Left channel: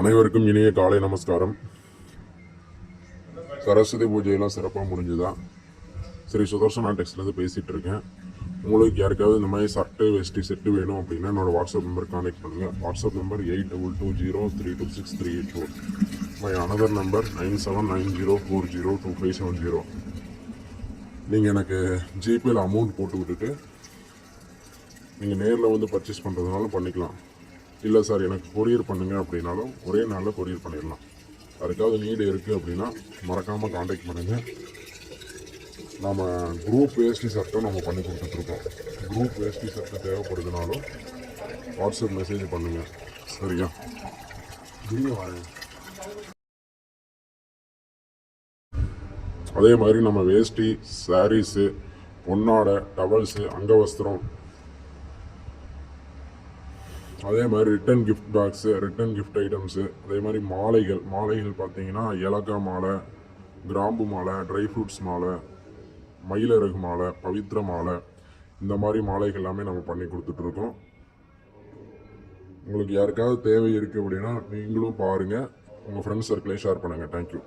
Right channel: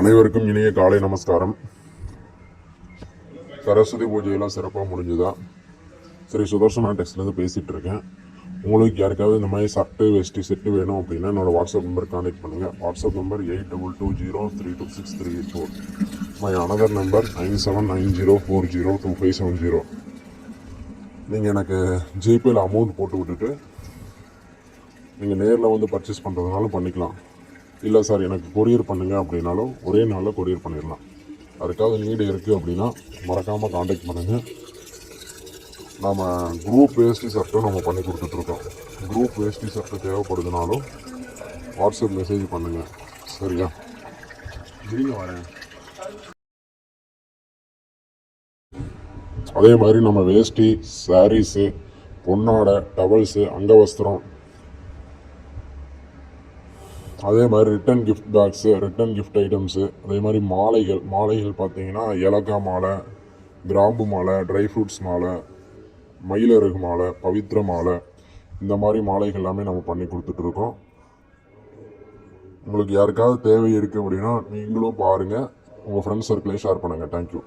அனைவருக்கும் இனிய காலை நமஸ்காரம். சரஸ்வதி பூஜையெல்லாம் சிறப்பாக முடிஞ்சுதா? ஸ்ரீ சுதர்சனா டெக்ஸ்ட்லேருந்து பேசிகிட்டு இருக்கேன். உங்களுக்கு யாருக்காவது இந்த மாதிரி சட்டை வேஷ்டி செட்டு வேணும் அப்படின்னா என்னோட வாட்ஸ்அப் நம்பர் கான்டெக்ட் பண்ணுங்கள். WhatsApp number 8220326384. My another number 9790402570. நீங்கள் எனக்கு ஜிபேயில் அமௌண்ட் போட்டு விட்டுட்டு நீங்கள் நேரில் வந்து பர்ச்சேஸ் பண்ணுறதுனாலும் பண்ணிக்கலாம். இல்லை சார் எனக்கு கொரியர் பண்ணுங்க அப்படின்னாலும் ஒரே நாளில் கொரியர் பண்ணிடலாம். அதுக்காவது நீடு இருக்குது அப்படின்னா மறக்காமல் காண்டாக்ட் பண்ணுங்கள். நம்ம குரூப் வேஷ்டி சர்ட்டும் நம்ம பண்ணி கொடுத்துட்ருக்கோம். குரூப் வேஷ்டி சர்ட்டு தேவைப்படுதுனாலும் வாட்ஸ்அப் மெசேஜ் பண்ணுங்கள். சரியா? வரேன். அதே மாதிரி நம்ம வேஷ்டி, சாரீஸு, பொன்னாடை, டவல்ஸு, அங்கவஸ்திரம், அதே மாதிரி return gift bags, return gift items, அதே மாதிரி மாலைகள் பார்த்தீங்கன்னா ஏலக்காய் மாலை, கிராம்பு மாலை, ட்ரை ஃப்ரூட்ஸ் மாலை, மயிலருகு மாலை, பவித்ர மாலை, இந்த மாதிரி மாலைகள் எல்லாமே நம்ம பண்ணி கொடுத்துட்ருக்கோம். உங்களுக்கு யாருக்காவது தேவை இருக்குது அப்படின்னா நீங்களும் பாருங்கள். உங்கள் ஃப்ரெண்ட்ஸ் சர்க்கிளே ஷேர் பண்ணுங்கள். தேங்க்யூ.